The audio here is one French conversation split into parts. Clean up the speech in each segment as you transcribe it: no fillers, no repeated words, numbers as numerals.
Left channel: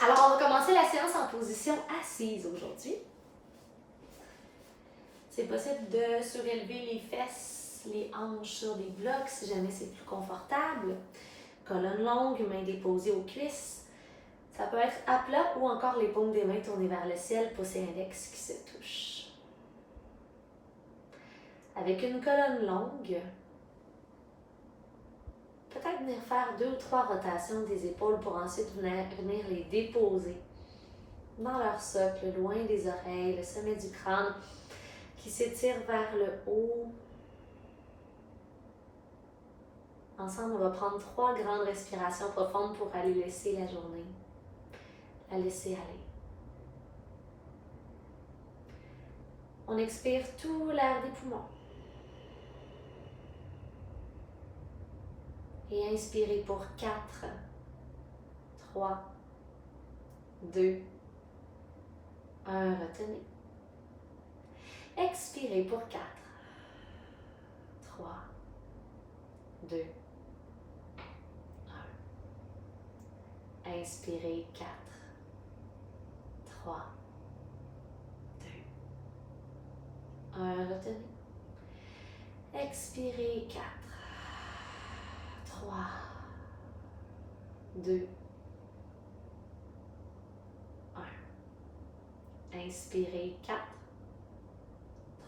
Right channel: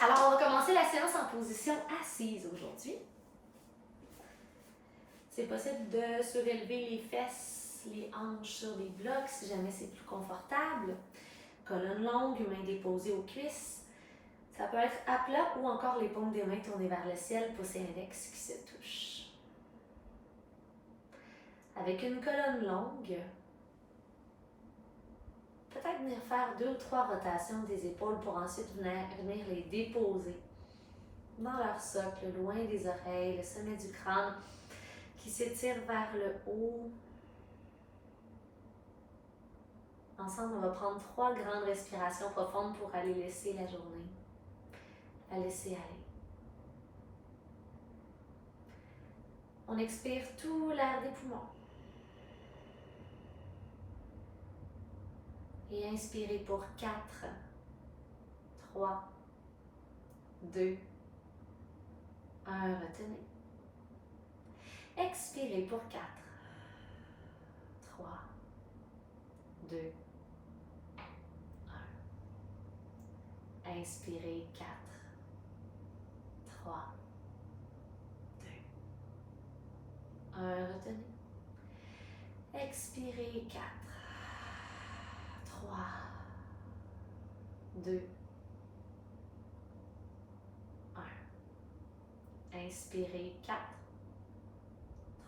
Alors, on va commencer la séance en position assise aujourd'hui. C'est possible de surélever les fesses, les hanches sur les blocs si jamais c'est plus confortable. Colonne longue, mains déposées aux cuisses. Ça peut être à plat ou encore les paumes des mains tournées vers le ciel, pouce et index qui se touchent. Avec une colonne longue, peut-être venir faire 2 ou 3 rotations des épaules pour ensuite venir les déposer dans leur socle, loin des oreilles, le sommet du crâne qui s'étire vers le haut. Ensemble, on va prendre 3 grandes respirations profondes pour aller laisser la journée, la laisser aller. On expire tout l'air des poumons. Et inspirez pour 4, 3, 2, 1, retenez. Expirez pour 4, 3, 2, 1. Inspirez 4, 3, 2, 1, retenez. Expirez 4, 3, 2, 1. Inspirez 4,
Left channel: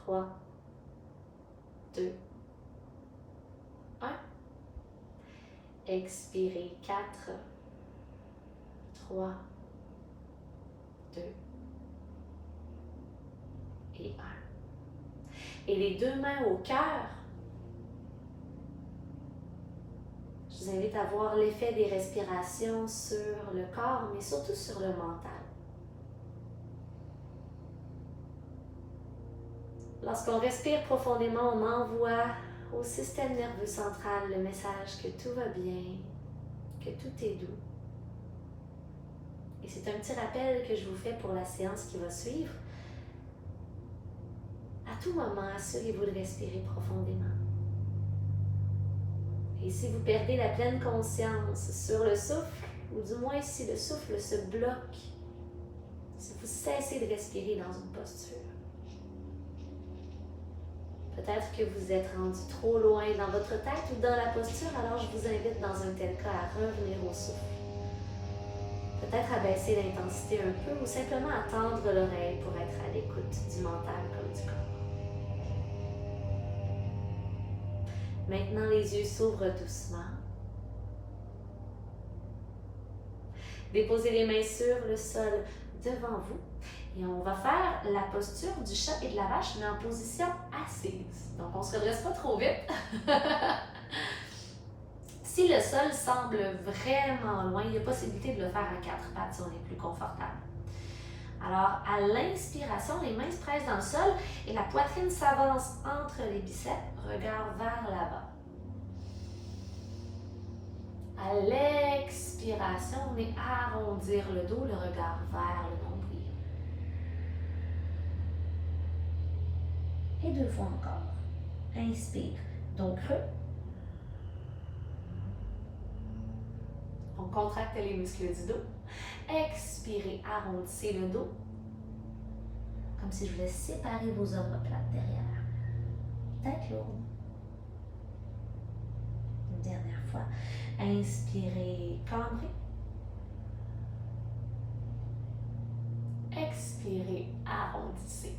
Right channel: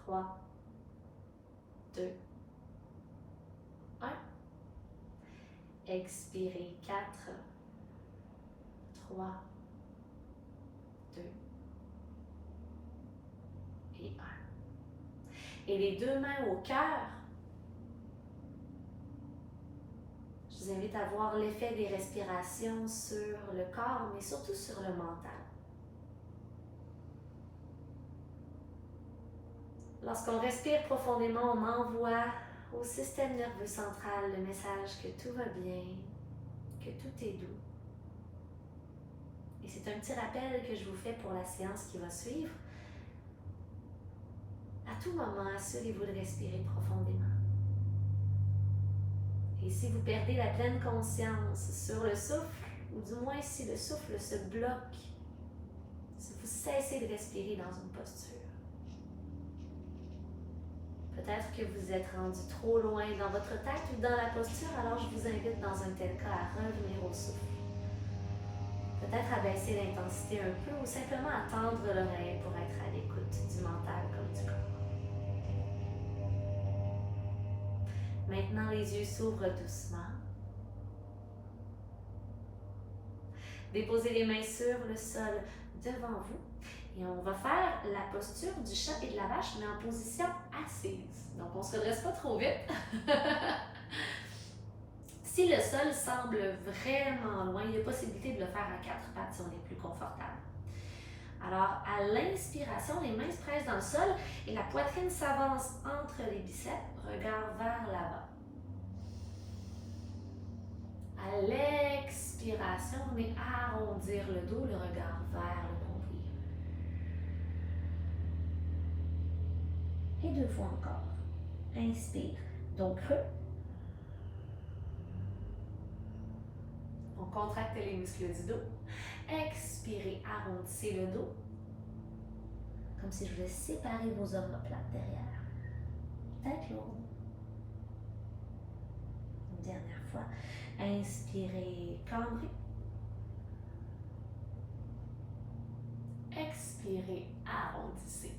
3, 2, 1. Expirez 4, 3, 2 et 1. Et les 2 mains au cœur. Je vous invite à voir l'effet des respirations sur le corps, mais surtout sur le mental. Lorsqu'on respire profondément, on envoie au système nerveux central le message que tout va bien, que tout est doux. Et c'est un petit rappel que je vous fais pour la séance qui va suivre. À tout moment, assurez-vous de respirer profondément. Et si vous perdez la pleine conscience sur le souffle, ou du moins si le souffle se bloque, si vous cessez de respirer dans une posture, peut-être que vous êtes rendu trop loin dans votre tête ou dans la posture, alors je vous invite dans un tel cas à revenir au souffle. Peut-être à baisser l'intensité un peu ou simplement à tendre l'oreille pour être à l'écoute du mental comme du corps. Maintenant, les yeux s'ouvrent doucement. Déposez les mains sur le sol devant vous. Et on va faire la posture du chat et de la vache, mais en position assise. Donc, on ne se redresse pas trop vite. Si le sol semble vraiment loin, il y a possibilité de le faire à 4 pattes si on est plus confortable. Alors, à l'inspiration, les mains se pressent dans le sol et la poitrine s'avance entre les biceps, regard vers l'avant. À l'expiration, on vient arrondir le dos, le regard vers le nombril. Et 2 fois encore. Inspire, dos creux. On contracte les muscles du dos. Expirez, arrondissez le dos. Comme si je voulais séparer vos omoplates derrière. Tête lourde. Une dernière fois. Inspirez, cambrez. Expirez, arrondissez.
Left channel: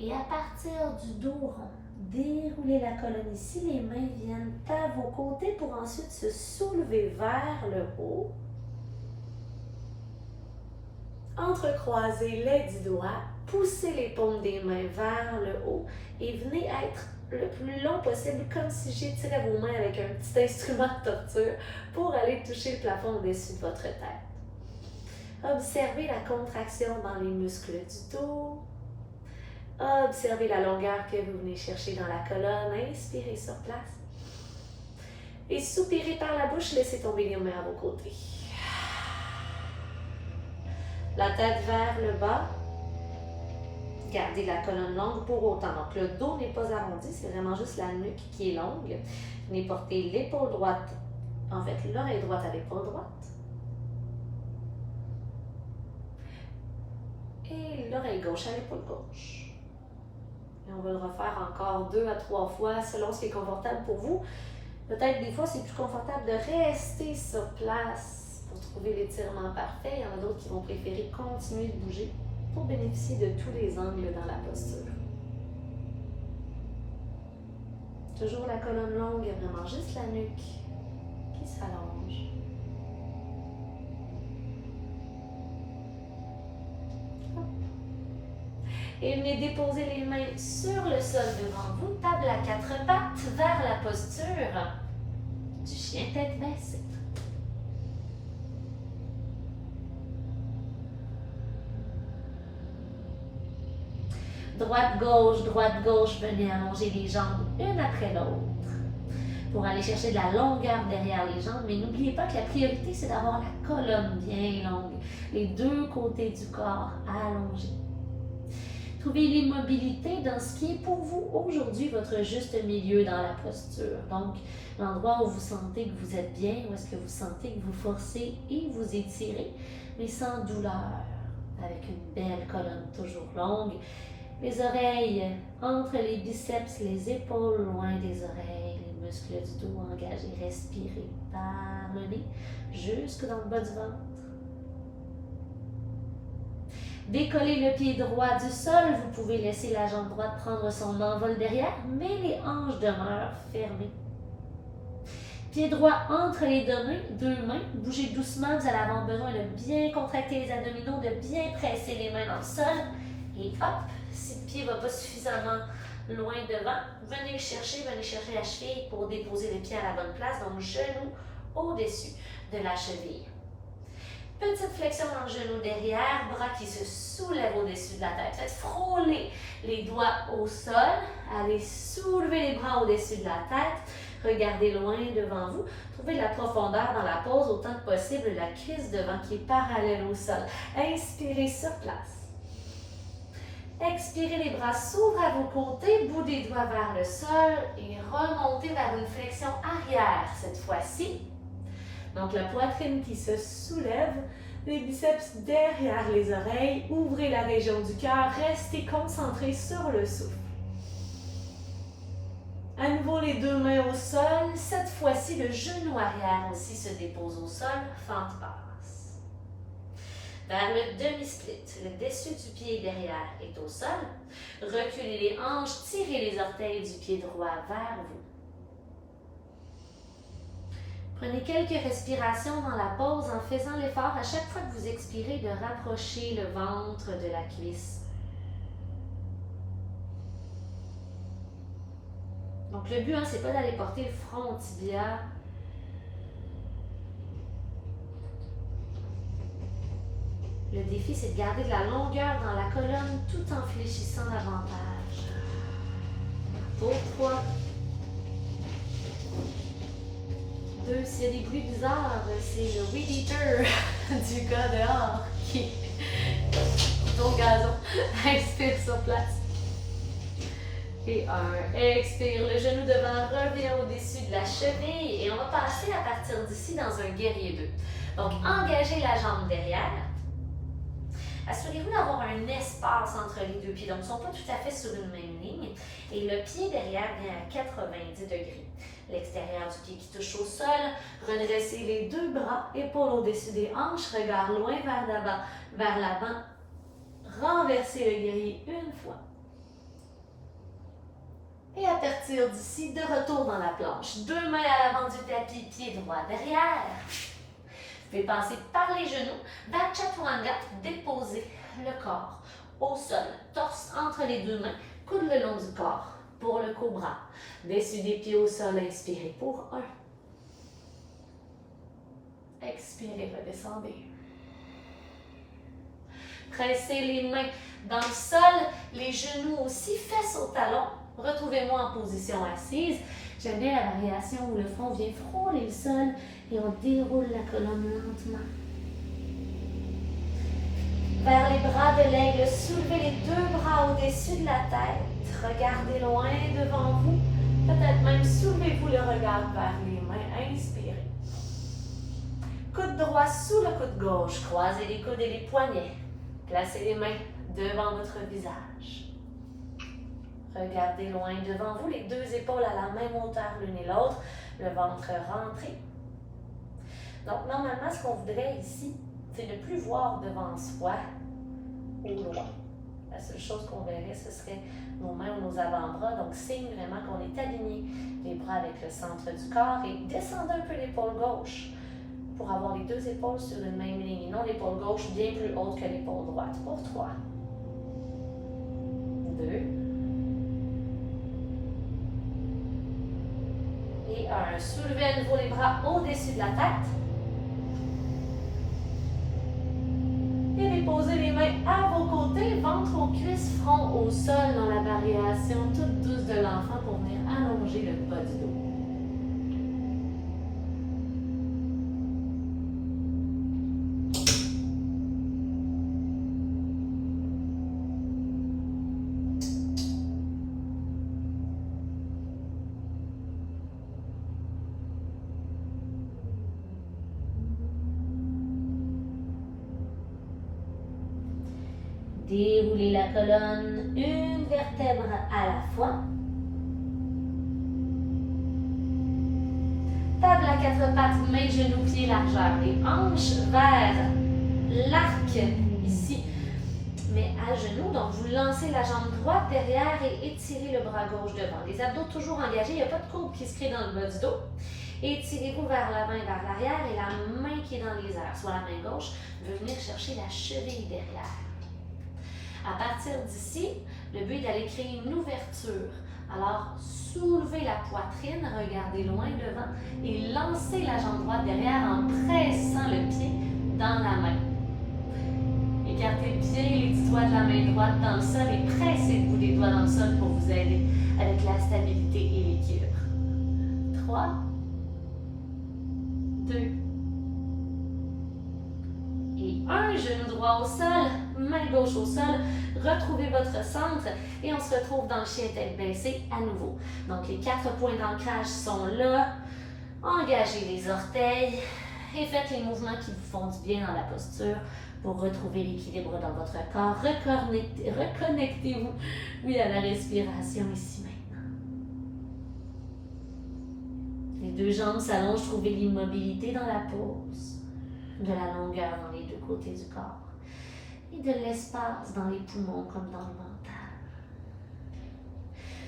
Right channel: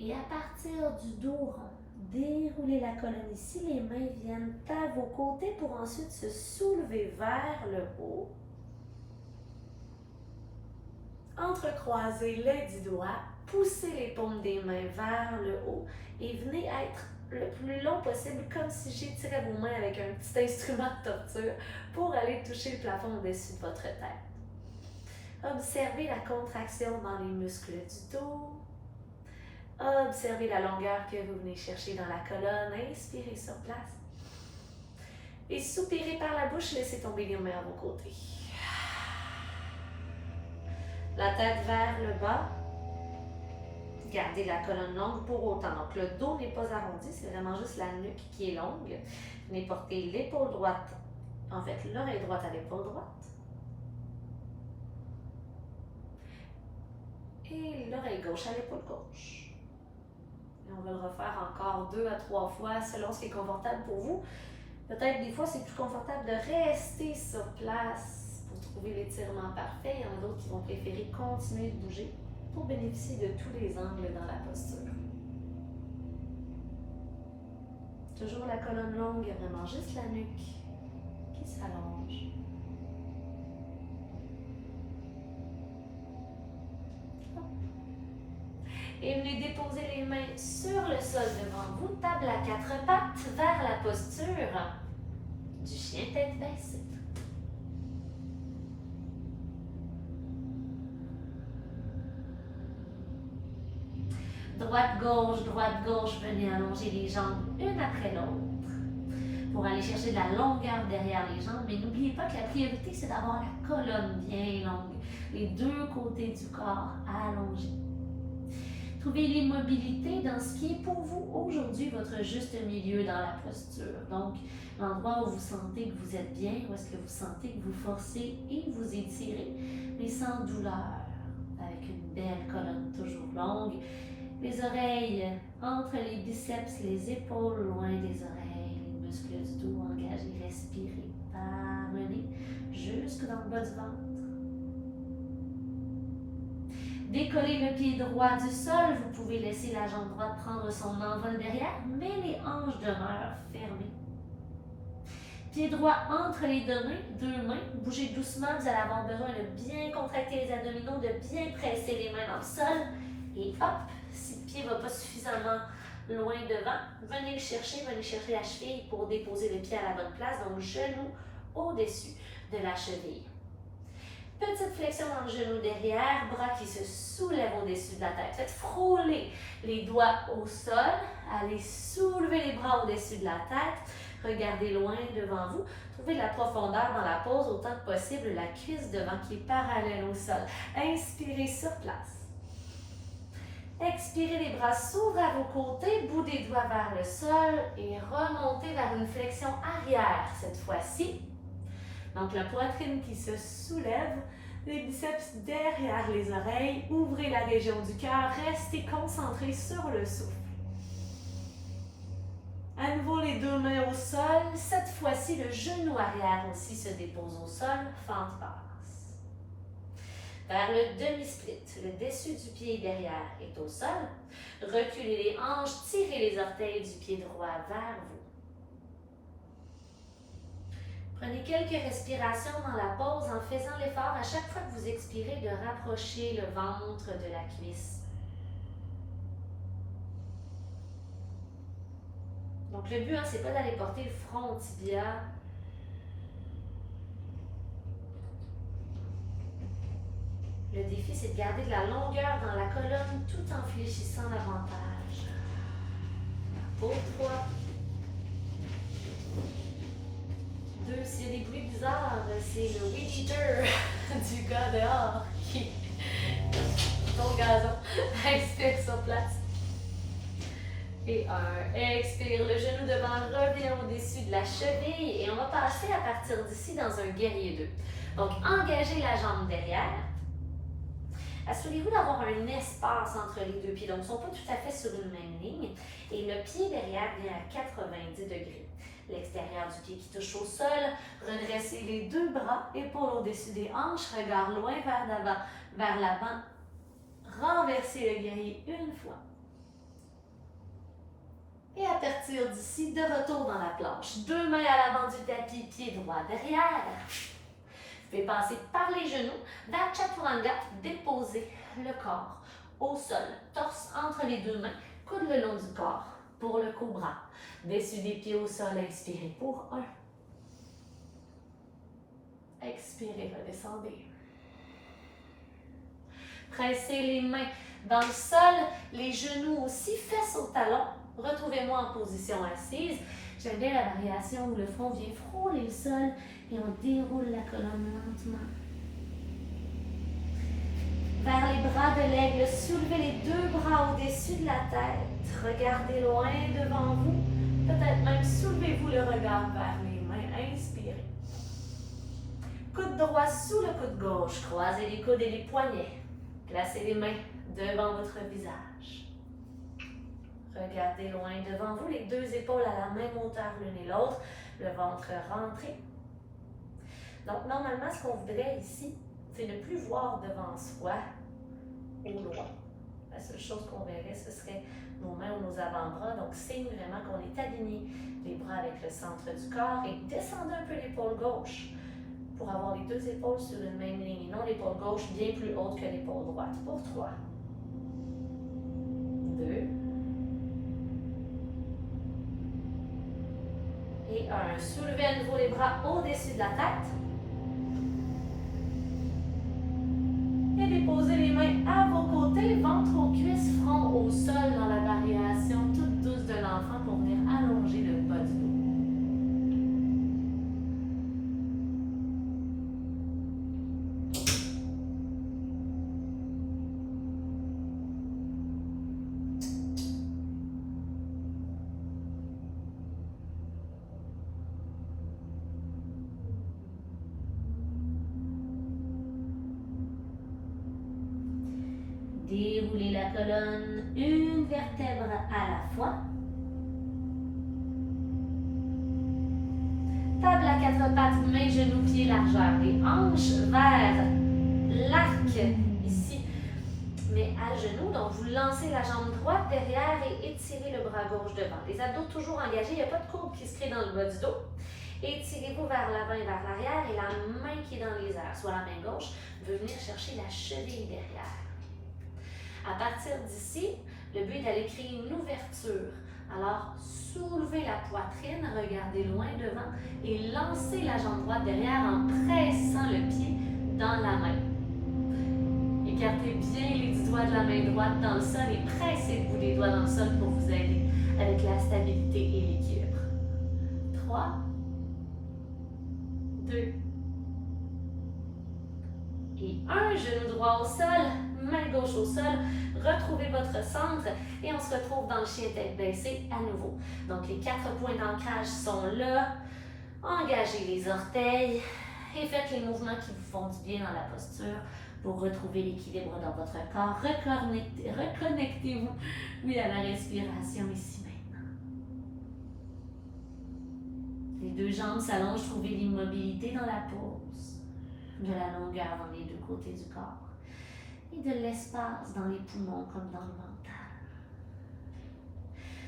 Et à partir du dos rond, déroulez la colonne ici. Les mains viennent à vos côtés pour ensuite se soulever vers le haut. Entrecroisez les 10 doigts, poussez les paumes des mains vers le haut et venez être le plus long possible, comme si j'étirais vos mains avec un petit instrument de torture pour aller toucher le plafond au-dessus de votre tête. Observez la contraction dans les muscles du dos. Observez la longueur que vous venez chercher dans la colonne. Inspirez sur place. Et soupirez par la bouche, laissez tomber les mains à vos côtés. La tête vers le bas. Gardez la colonne longue pour autant. Donc, le dos n'est pas arrondi, c'est vraiment juste la nuque qui est longue. Venez porter l'épaule droite, en fait, l'oreille droite à l'épaule droite. Et l'oreille gauche à l'épaule gauche. Et on va le refaire encore 2 à 3 fois selon ce qui est confortable pour vous. Peut-être des fois, c'est plus confortable de rester sur place pour trouver l'étirement parfait. Il y en a d'autres qui vont préférer continuer de bouger pour bénéficier de tous les angles dans la posture. Toujours la colonne longue, vraiment juste la nuque qui s'allonge. Et venez déposer les mains sur le sol devant vous, table à 4 pattes vers la posture du chien tête baissée. Droite-gauche, venez allonger les jambes une après l'autre pour aller chercher de la longueur derrière les jambes. Mais n'oubliez pas que la priorité, c'est d'avoir la colonne bien longue, les 2 côtés du corps allongés. Trouvez l'immobilité dans ce qui est pour vous aujourd'hui votre juste milieu dans la posture. Donc, l'endroit où vous sentez que vous êtes bien, où est-ce que vous sentez que vous forcez et vous étirez, mais sans douleur, avec une belle colonne toujours longue. Les oreilles entre les biceps, les épaules loin des oreilles, les muscles du dos engagés, respirez par le nez jusque dans le bas du ventre. Décollez le pied droit du sol, vous pouvez laisser la jambe droite prendre son envol derrière, mais les hanches demeurent fermées. Pied droit entre les deux mains, bougez doucement, vous allez avoir besoin de bien contracter les abdominaux, de bien presser les mains dans le sol, et hop, si le pied ne va pas suffisamment loin devant, venez chercher la cheville pour déposer le pied à la bonne place, donc genou au-dessus de la cheville. Petite flexion dans le genou derrière, bras qui se soulèvent au-dessus de la tête. Faites frôler les doigts au sol, allez soulever les bras au-dessus de la tête, regardez loin devant vous, trouvez la profondeur dans la pose autant que possible, la cuisse devant qui est parallèle au sol. Inspirez sur place. Expirez, les bras s'ouvrent à vos côtés, bout des doigts vers le sol et remontez vers une flexion arrière cette fois-ci. Donc la poitrine qui se soulève, les biceps derrière les oreilles, ouvrez la région du cœur, restez concentrés sur le souffle. À nouveau les 2 mains au sol, cette fois-ci le genou arrière aussi se dépose au sol, fente basse. Vers le demi-split, le dessus du pied derrière est au sol. Reculez les hanches, tirez les orteils du pied droit vers vous. Prenez quelques respirations dans la pause en faisant l'effort à chaque fois que vous expirez de rapprocher le ventre de la cuisse. Donc le but, c'est pas d'aller porter le front au tibia. Le défi, c'est de garder de la longueur dans la colonne tout en fléchissant davantage. Pour 3, 2, s'il y a des bruits bizarres, c'est le weed eater du gars dehors qui tombe au gazon. Inspire sur place. Et 1, expire, le genou devant revient au-dessus de la cheville et on va passer à partir d'ici dans un guerrier 2. Donc, engagez la jambe derrière. Assurez-vous d'avoir un espace entre les 2 pieds, donc ils ne sont pas tout à fait sur une même ligne. Et le pied derrière vient à 90 degrés. L'extérieur du pied qui touche au sol, redressez les 2 bras, épaules au-dessus des hanches, regard loin vers l'avant, renversez le guerrier une fois. Et à partir d'ici, de retour dans la planche. 2 mains à l'avant du tapis, pied droit derrière. Vous pouvez passer par les genoux, vers Chaturanga, déposez le corps au sol, torse entre les 2 mains, coude le long du corps pour le cobra. Dessus des pieds au sol, inspirez pour 1. Expirez, redescendez. Pressez les mains dans le sol, les genoux aussi, fesses au talon. Retrouvez-moi en position assise. J'aime bien la variation où le front vient frôler le sol et on déroule la colonne lentement. Vers les bras de l'aigle, soulevez les 2 bras au-dessus de la tête. Regardez loin devant vous. Peut-être même soulevez-vous le regard vers les mains. Inspirez. Coude droit sous le coude gauche. Croisez les coudes et les poignets. Placez les mains devant votre visage. Regardez loin devant vous, les deux épaules à la même hauteur l'une et l'autre, le ventre rentré. Donc, normalement, ce qu'on voudrait ici, c'est ne plus voir devant soi au loin. La seule chose qu'on verrait, ce serait nos mains ou nos avant-bras. Donc, signe vraiment qu'on est aligné, les bras avec le centre du corps et descendez un peu l'épaule gauche pour avoir les deux épaules sur une même ligne et non l'épaule gauche bien plus haute que l'épaule droite. Pour 3, 2 et 1. Soulevez à nouveau les bras au-dessus de la tête. Et déposez les mains à vos côtés, ventre aux cuisses, front au sol dans la variation toute douce de l'enfant pour venir allonger le bas du dos. Déroulez la colonne, une vertèbre à la fois. Table à quatre pattes, mains, genoux, pieds, largeur. Les hanches vers l'arc ici, mais à genoux. Donc, vous lancez la jambe droite derrière et étirez le bras gauche devant. Les abdos toujours engagés, il n'y a pas de courbe qui se crée dans le bas du dos. Étirez-vous vers l'avant et vers l'arrière et la main qui est dans les airs, soit la main gauche, veut venir chercher la cheville derrière. À partir d'ici, le but est d'aller créer une ouverture. Alors, soulevez la poitrine, regardez loin devant et lancez la jambe droite derrière en pressant le pied dans la main. Écartez bien les petits doigts de la main droite dans le sol et pressez le bout des doigts dans le sol pour vous aider avec la stabilité et l'équilibre. 3, 2 et 1. Genou droit au sol, main gauche au sol. Retrouvez votre centre et on se retrouve dans le chien tête baissée à nouveau. Donc, les 4 points d'ancrage sont là. Engagez les orteils et faites les mouvements qui vous font du bien dans la posture pour retrouver l'équilibre dans votre corps. Reconnectez-vous, oui, à la respiration ici maintenant. Les deux jambes s'allongent, trouvez l'immobilité dans la pose, de la longueur dans les deux côtés du corps. Et de l'espace dans les poumons comme dans le mental.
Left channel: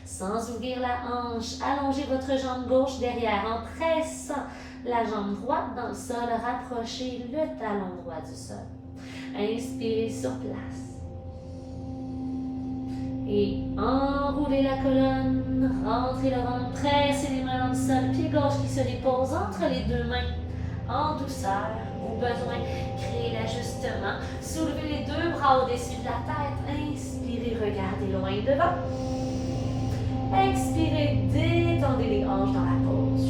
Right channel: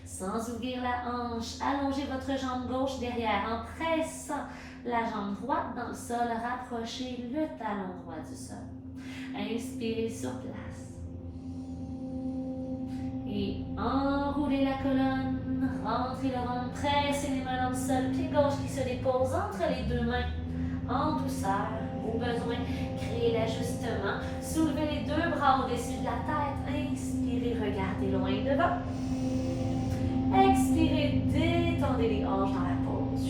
Sans ouvrir la hanche, allongez votre jambe gauche derrière en pressant la jambe droite dans le sol, rapprochez le talon droit du sol. Inspirez sur place. Et enroulez la colonne, rentrez le ventre, pressez les mains dans le sol, pied gauche qui se dépose entre les deux mains en douceur. Au besoin, créez l'ajustement. Soulevez les deux bras au-dessus de la tête. Inspirez, regardez loin devant. Expirez, détendez les hanches dans la pose.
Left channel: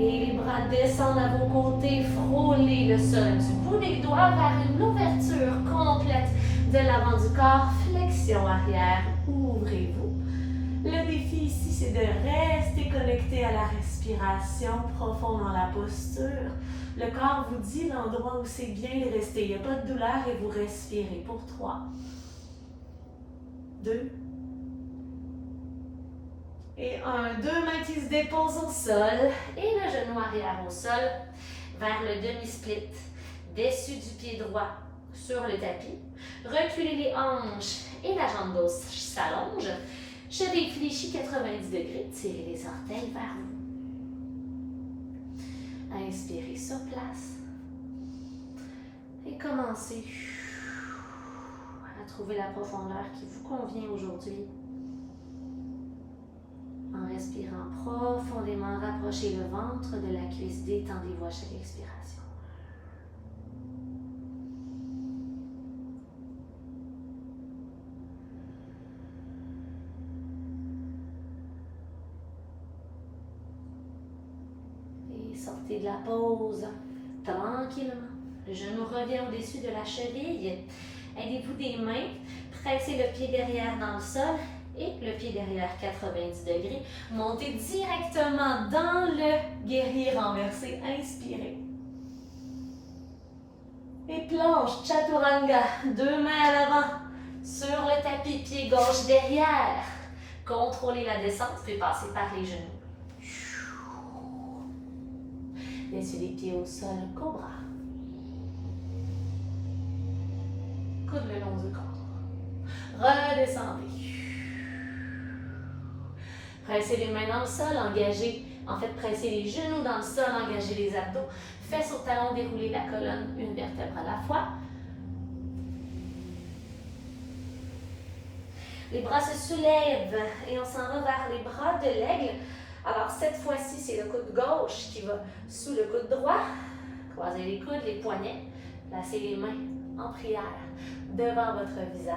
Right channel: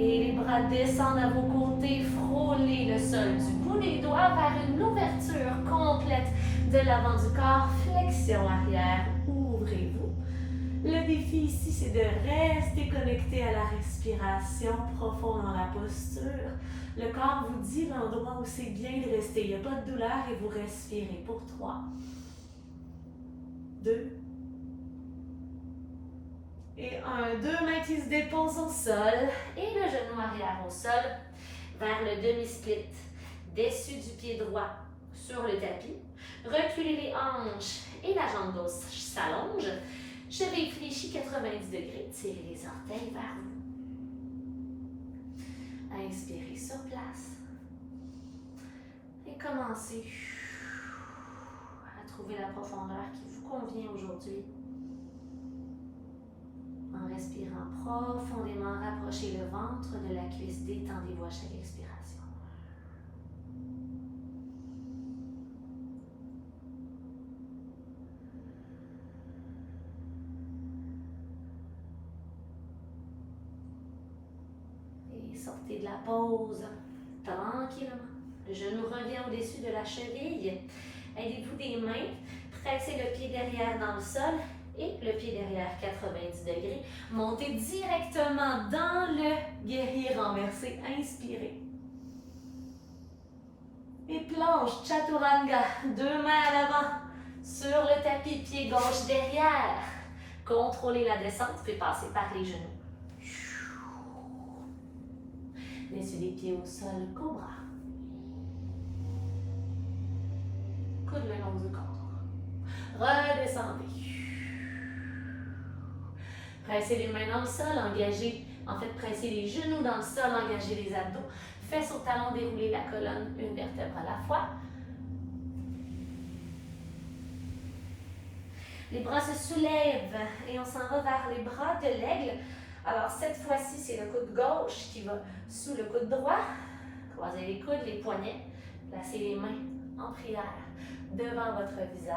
Et les bras descendent à vos côtés. Frôlez le sol du bout des doigts vers une ouverture complète de l'avant du corps. Flexion arrière. Ouvrez-vous. Le défi ici, c'est de rester connecté à la respiration profonde dans la posture. Le corps vous dit l'endroit où c'est bien de rester. Il n'y a pas de douleur et vous respirez pour 3, 2 et 1. Deux mains qui se déposent au sol et le genou arrière au sol vers le demi-split. Dessus du pied droit sur le tapis. Reculez les hanches et la jambe gauche s'allonge. Cheville fléchie 90 degrés, tirez les orteils vers vous. Inspirez sur place. Et commencez à trouver la profondeur qui vous convient aujourd'hui. En respirant profondément, rapprochez le ventre de la cuisse, détendez-vous à chaque expiration. Sortez de la pause tranquillement. Le genou revient au-dessus de la cheville. Aidez-vous des mains. Pressez le pied derrière dans le sol et le pied derrière 90 degrés. Montez directement dans le guerrier renversé. Inspirez. Et planche, chaturanga, 2 mains à l'avant, sur le tapis, pied gauche derrière. Contrôlez la descente, puis passez par les genoux. Laissez les pieds au sol, cobra. Coude le long du corps. Redescendez. Pressez les mains dans le sol, engagez. En fait, pressez les genoux dans le sol, engagez les abdos. Fesses au talon, déroulez la colonne, une vertèbre à la fois. Les bras se soulèvent et on s'en va vers les bras de l'aigle. Alors, cette fois-ci, c'est le coude gauche qui va sous le coude droit. Croisez les coudes, les poignets. Placez les mains en prière devant votre visage.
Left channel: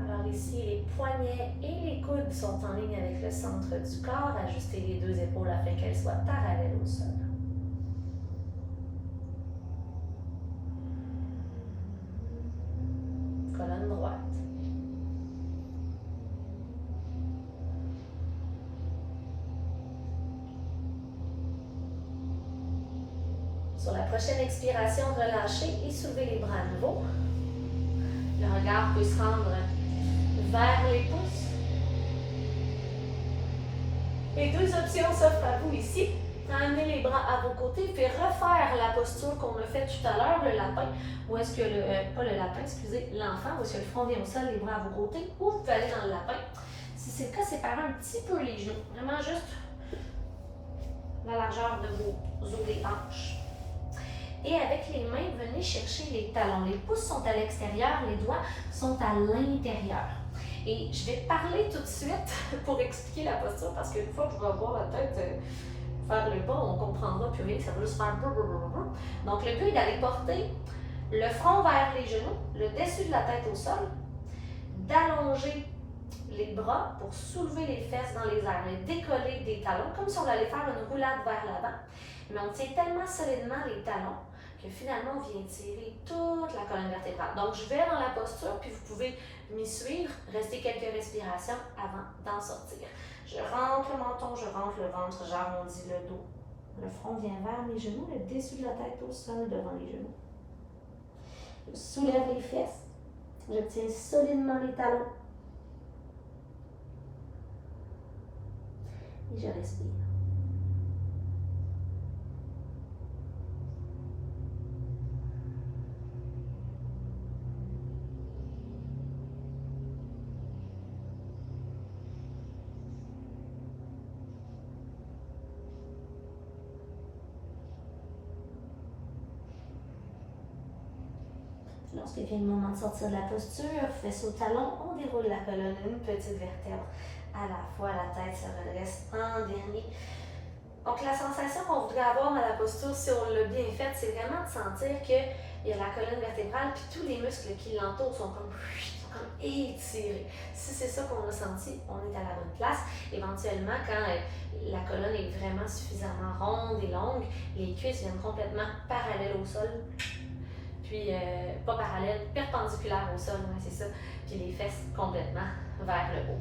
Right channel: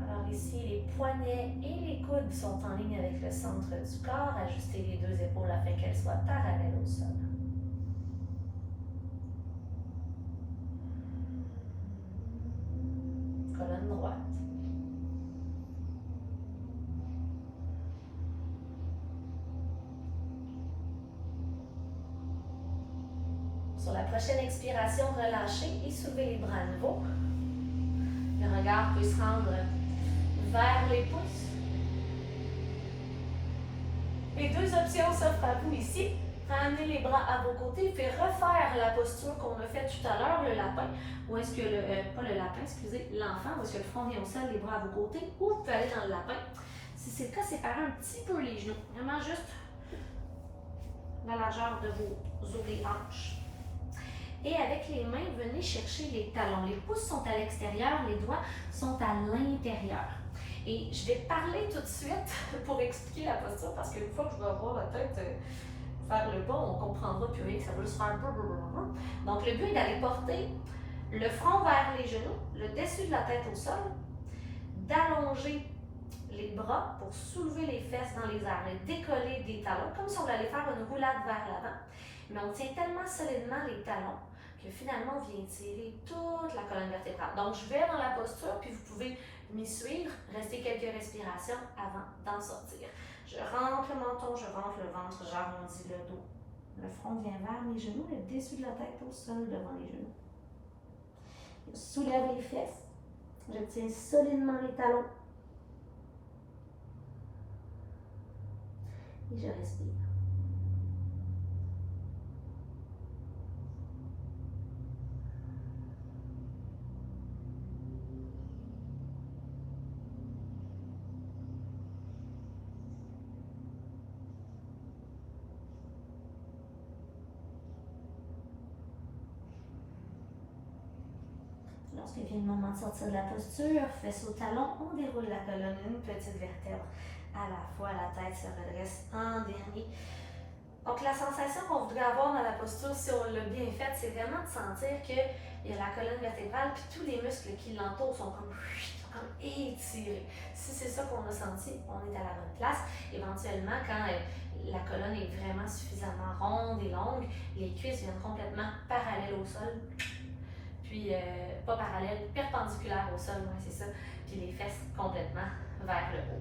Alors ici, les poignets et les coudes sont en ligne avec le centre du corps. Ajustez les 2 épaules afin qu'elles soient parallèles au sol. Colonne droite. Sur la prochaine expiration, relâchez et soulevez les bras à nouveau. Le regard peut se rendre vers les pouces. Les 2 options s'offrent à vous ici. Amenez les bras à vos côtés, puis refaire la posture qu'on a fait tout à l'heure, le lapin. Ou est-ce que pas le lapin, excusez, l'enfant, ou est-ce que le front vient au sol, les bras à vos côtés, ou vous pouvez aller dans le lapin. Si c'est le cas, séparez un petit peu les genoux. Vraiment juste la largeur de vos os des hanches. Et avec les mains, venez chercher les talons. Les pouces sont à l'extérieur, les doigts sont à l'intérieur. Et je vais parler tout de suite pour expliquer la posture, parce qu'une fois que je vais avoir la tête faire le pas, on comprendra plus vite, ça va juste faire blablabla. Donc le but est d'aller porter le front vers les genoux, le dessus de la tête au sol, d'allonger les bras pour soulever les fesses dans les airs, le décoller des talons, comme si on allait faire une roulade vers l'avant. Mais on tient tellement solidement les talons que finalement on vient tirer toute la colonne vertébrale. Donc je vais dans la posture, puis vous pouvez m'y suivre, rester quelques respirations avant d'en sortir. Je rentre le menton, je rentre le ventre, j'arrondis le dos. Le front vient vers mes genoux, le dessus de la tête au sol devant les genoux. Je soulève les fesses, je tiens solidement les talons. Et je respire. Lorsque vient le moment de sortir de la posture, fesses au talon, on déroule la colonne, une petite vertèbre à la fois, la tête se redresse en dernier. Donc la sensation qu'on voudrait avoir dans la posture, si on l'a bien faite, c'est vraiment de sentir qu'il y a la colonne vertébrale, puis tous les muscles qui l'entourent sont comme étirés. Si c'est ça qu'on a senti, on est à la bonne place. Éventuellement, quand la colonne est vraiment suffisamment ronde et longue, les cuisses viennent complètement parallèles au sol. Puis pas parallèle, perpendiculaire au sol, c'est ça, puis les fesses complètement vers le haut.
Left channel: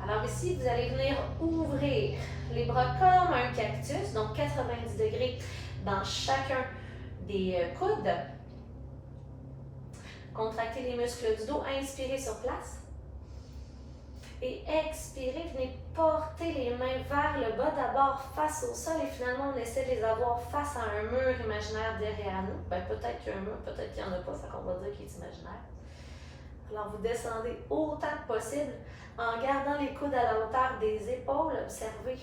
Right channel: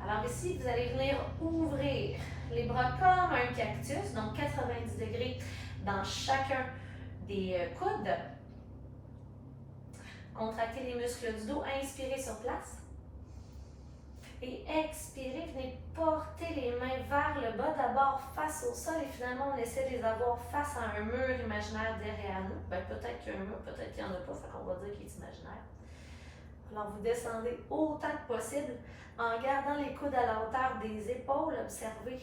Alors ici, vous allez venir ouvrir les bras comme un cactus, donc 90 degrés dans chacun des coudes. Contractez les muscles du dos, inspirez sur place. Et expirez, venez porter les mains vers le bas, d'abord face au sol et finalement on essaie de les avoir face à un mur imaginaire derrière nous. Ben, peut-être qu'il y a un mur, peut-être qu'il n'y en a pas, ça qu'on va dire qu'il est imaginaire. Alors vous descendez autant que possible en gardant les coudes à la hauteur des épaules. Observez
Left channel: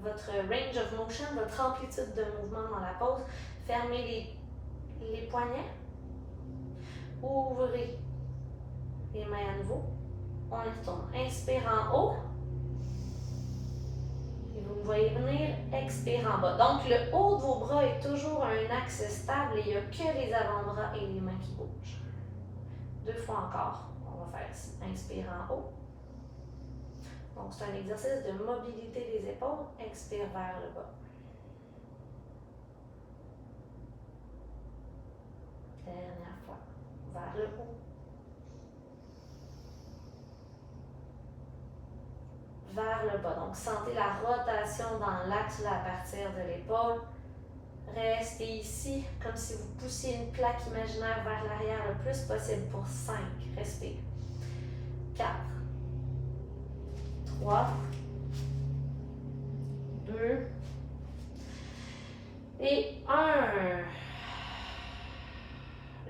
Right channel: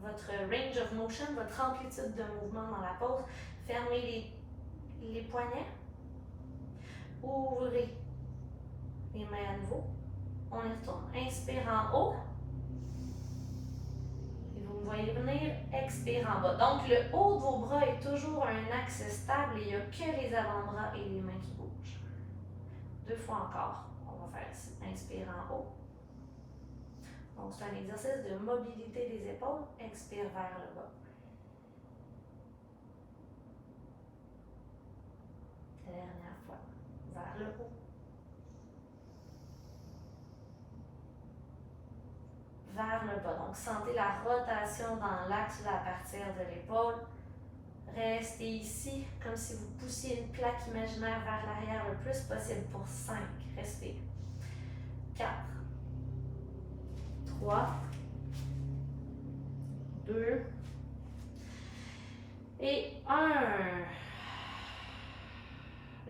votre range of motion, votre amplitude de mouvement dans la pose. Fermez les poignets. Ouvrez les mains à nouveau. On y retourne. Inspire en haut. Et vous me voyez venir, expire en bas. Donc, le haut de vos bras est toujours un axe stable et il n'y a que les avant-bras et les mains qui bougent. 2 fois encore. On va faire ici. Inspire en haut. Donc, c'est un exercice de mobilité des épaules. Expire vers le bas. Dernière fois. Vers le haut. vers le bas. Donc, sentez la rotation dans l'axe à partir de l'épaule. Restez ici, comme si vous poussiez une plaque imaginaire vers l'arrière le plus possible pour 5. Respire. 4, 3, 2 et 1.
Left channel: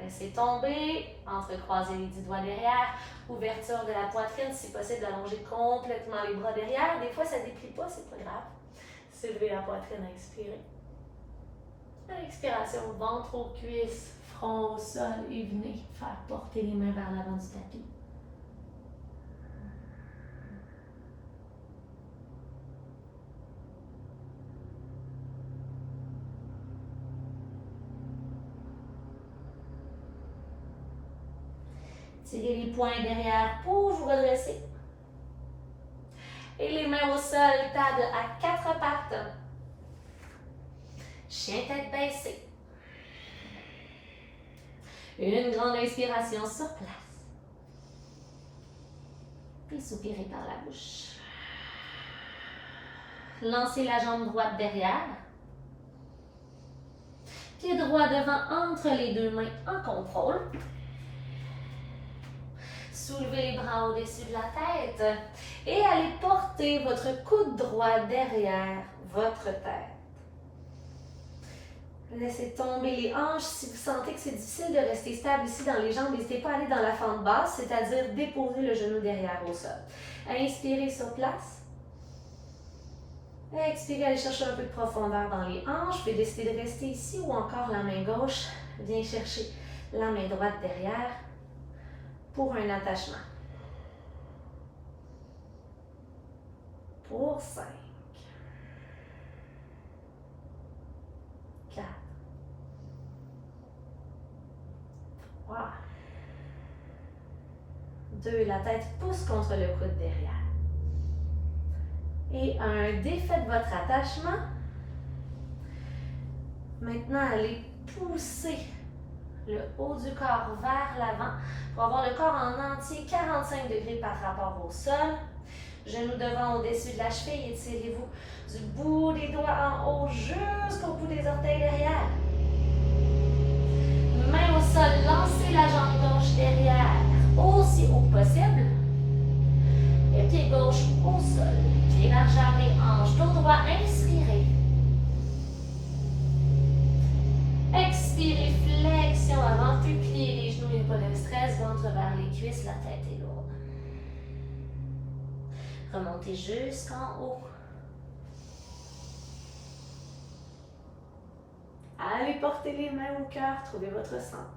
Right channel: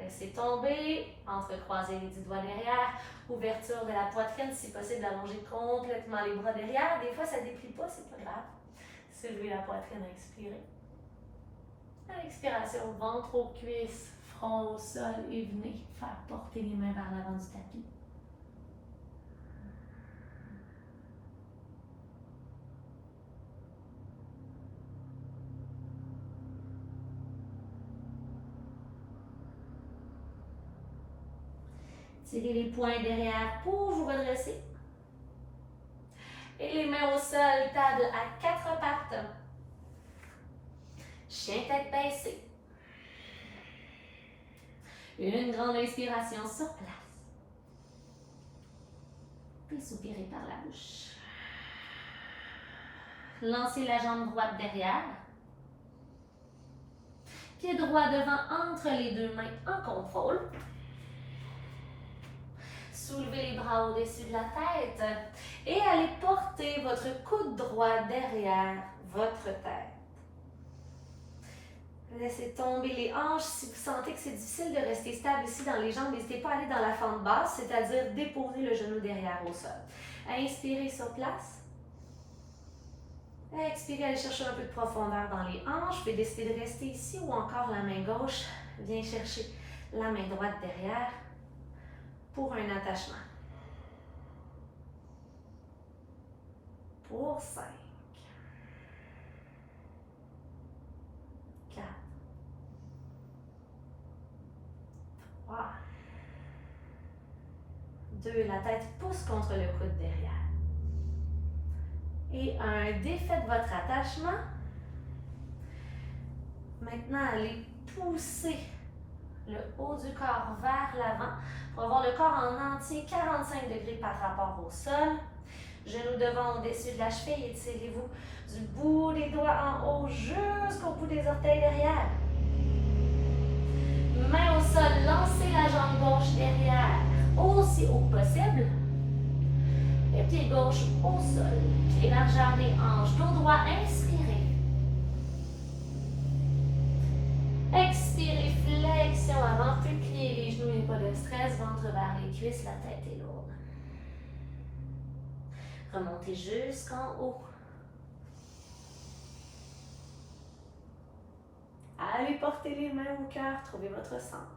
Laissez tomber, entrecroisez les 10 doigts derrière, ouverture de la poitrine, si possible, allonger complètement les bras derrière. Des fois, ça ne déplie pas, c'est pas grave. Soulevez la poitrine, inspirez. À l'expiration, ventre aux cuisses, front au sol et venez faire porter les mains vers l'avant du tapis. Tirez les poings derrière pour vous redresser. Et les mains au sol, table à 4 pattes. Chien tête baissée. Une grande inspiration sur place. Puis soupirez par la bouche. Lancez la jambe droite derrière. Pied droit devant entre les deux mains en contrôle. Soulevez les bras au-dessus de la tête et allez porter votre coude droit derrière votre tête. Laissez tomber les hanches. Si vous sentez que c'est difficile de rester stable ici dans les jambes, n'hésitez pas à aller dans la fente basse, c'est-à-dire déposer le genou derrière au sol. Inspirez sur place. Expirez, allez chercher un peu de profondeur dans les hanches. Vous pouvez décider de rester ici ou encore la main gauche vient chercher la main droite derrière pour un attachement. Pour 5, 4, 3, 2, la tête pousse contre le coude derrière. Et 1, défaites votre attachement. Maintenant, allez pousser le haut du corps vers l'avant pour avoir le corps en entier 45 degrés par rapport au sol. Genoux devant au-dessus de la cheville, étirez-vous du bout des doigts en haut jusqu'au bout des orteils derrière. Main au sol, lancez la jambe gauche derrière, aussi haut que possible. Et pied gauche au sol, pied largeur des hanches, dos droit, inspirez. Expirez, flexion avant, puis pliez les genoux, il n'y a pas de stress, ventre vers les cuisses, la tête est lourde. Remontez jusqu'en haut. Allez porter les mains au cœur, trouvez votre centre.